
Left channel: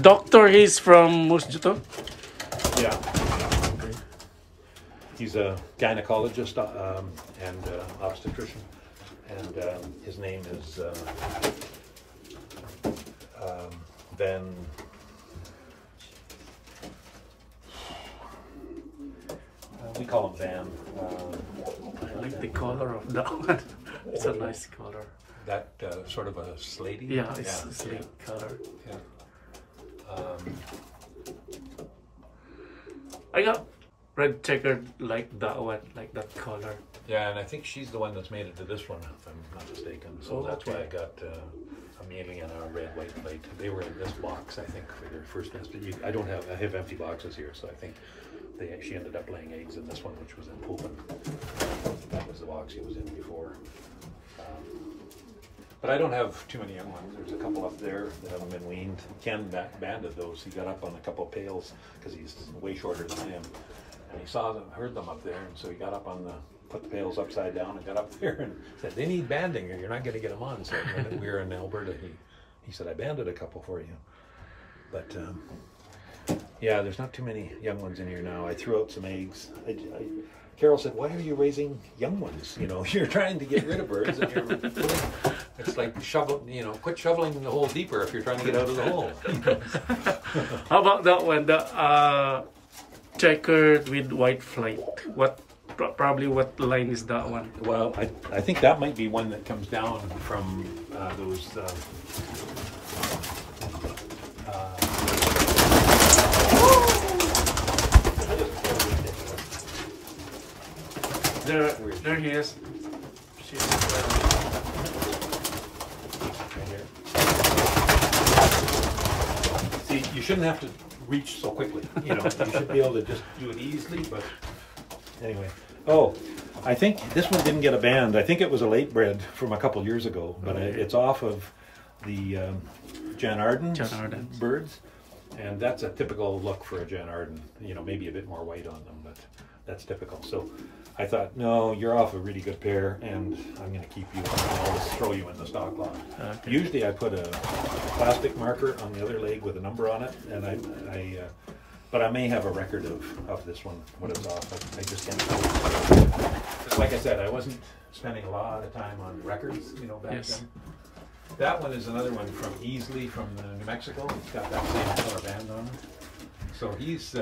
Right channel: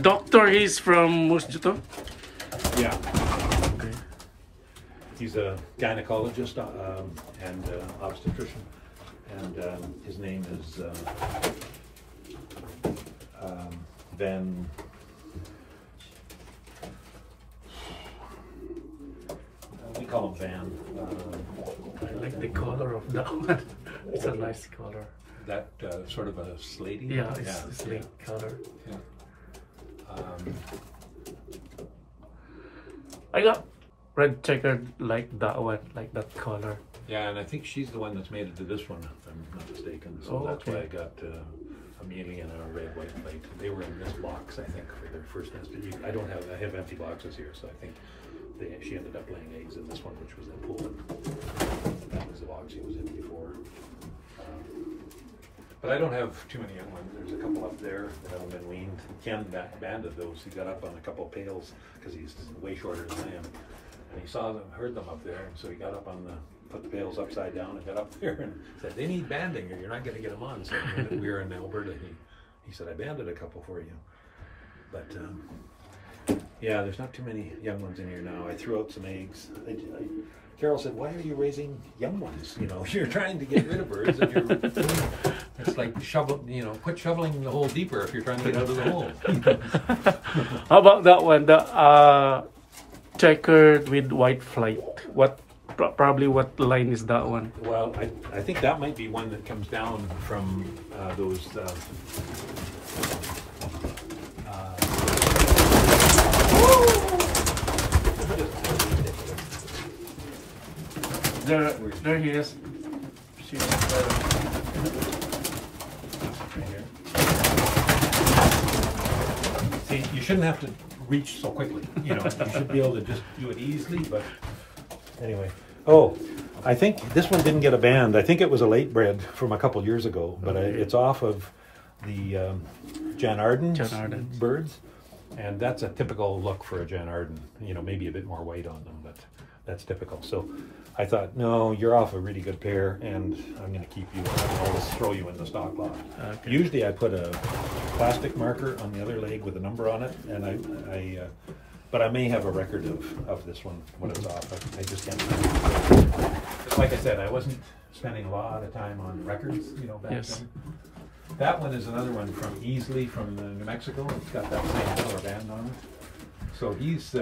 Doctor, he's from Musjuto? Yeah. Okay. He's a gynecologist and obstetrician, and his name is Van. We call him Van. I like the color of that one. It's a nice color. That sort of a slatey. Yeah, it's slate color. Yeah. I got red checkered like that one, like that color. Yeah, and I think she's the one that's made it to this one, if I'm not mistaken. So that's why I got a mailing and a red, white plate. They were in this box, I think, for their first nest. But I have empty boxes here, so I think she ended up laying eggs in this one, which was in Poland. That was the box she was in before. But I don't have too many young ones. There's a couple up there that haven't been weaned. Ken banded those. He got up on a couple of pails because he's way shorter than I am. And he heard them up there, and so he got up on put the pails upside down and got up there and said, "They need banding or you're not going to get them on." So when we were in Alberta, he said, "I banded a couple for you." But yeah, there's not too many young ones in here now. I threw out some eggs. Carol said, "Why are you raising young ones? You know, you're trying to get rid of birds. And it's like quit shoveling the hole deeper if you're trying to get out of the hole." How about that one? The checkered with white flight. Probably what line is that one? Well, I think that might be one that comes down from those. There he is. See, you shouldn't have to reach so quickly. You know, you should be able to just do it easily. But anyway, I think this one didn't get a band. I think it was a late bred from a couple years ago, but it's off of the Jan Arden birds, and that's a typical look for a Jan Arden. You know, maybe a bit more white on them, but that's typical. So I thought, no, you're off a really good pair, and I'm going to keep you. I'll just throw you in the stock lot. Okay. Usually, I put a plastic marker on the other leg with a number on it, and but I may have a record of this one, what it was off of. I just can't remember. Just like I said, I wasn't spending a lot of time on records, you know, back then. That one is another one from Easley from New Mexico. It's got that same color band on it. So he's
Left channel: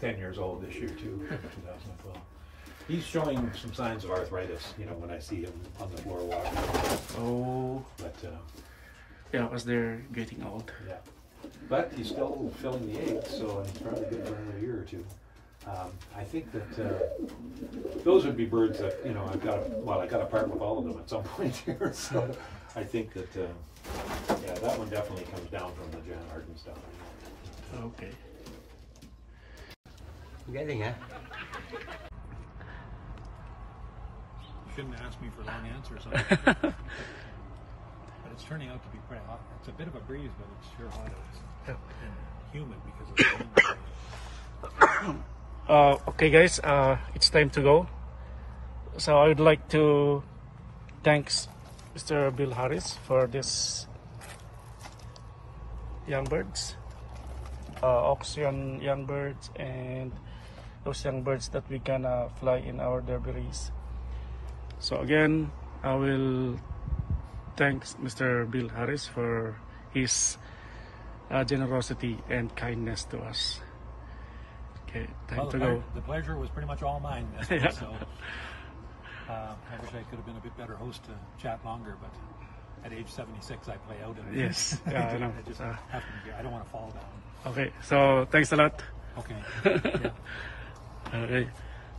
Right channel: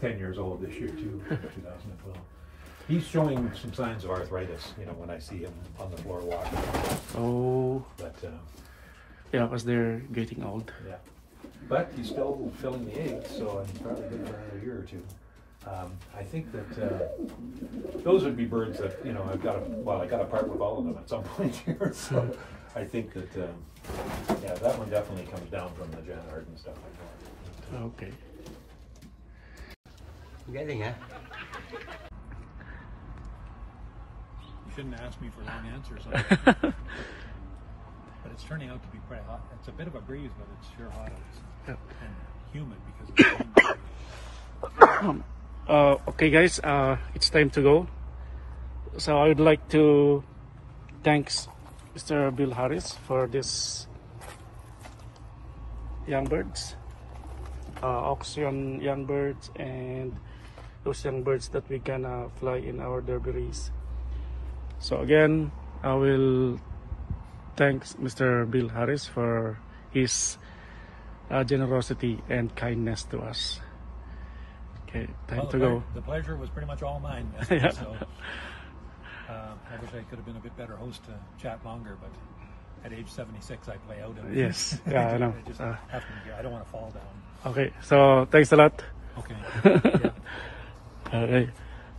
10 years old this year too, 2012. He's showing some signs of arthritis, you know, when I see him on the floor walking. Oh. But yeah, because they're getting old. Yeah. But he's still filling the eggs, so he's probably good for another year or two. I think that those would be birds that, you know, I got to part with all of them at some point here. So I think that, yeah, that one definitely comes down from the Jan Arden stuff like that. Okay. Getting, huh? You shouldn't ask me for long answers on it. But it's turning out to be quite hot. It's a bit of a breeze, but it's sure hot out. And humid because of the rain. Okay guys, it's time to go. So I would like to thank Mr. Bill Harris for young birds, auction young birds, and those young birds that we gonna fly in our derby race. So again, I will thank Mr. Bill Harris for his generosity and kindness to us. Okay, time to go. The pleasure was pretty much all mine. Yeah. So, I wish I could have been a bit better host to chat longer, but at age 76, I play out. Yes, yeah, I know. I just have to be here. I don't want to fall down. Okay, so thanks a lot. Okay. All right.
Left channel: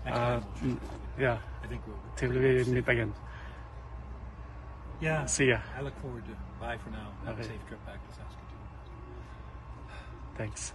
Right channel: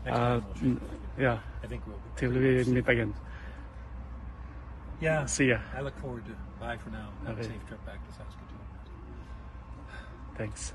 Next time we'll yeah. I think we'll. Till we meet again. Yeah. See ya. I look forward to. Bye for now. Have a Okay. safe trip back to Saskatoon. Thanks.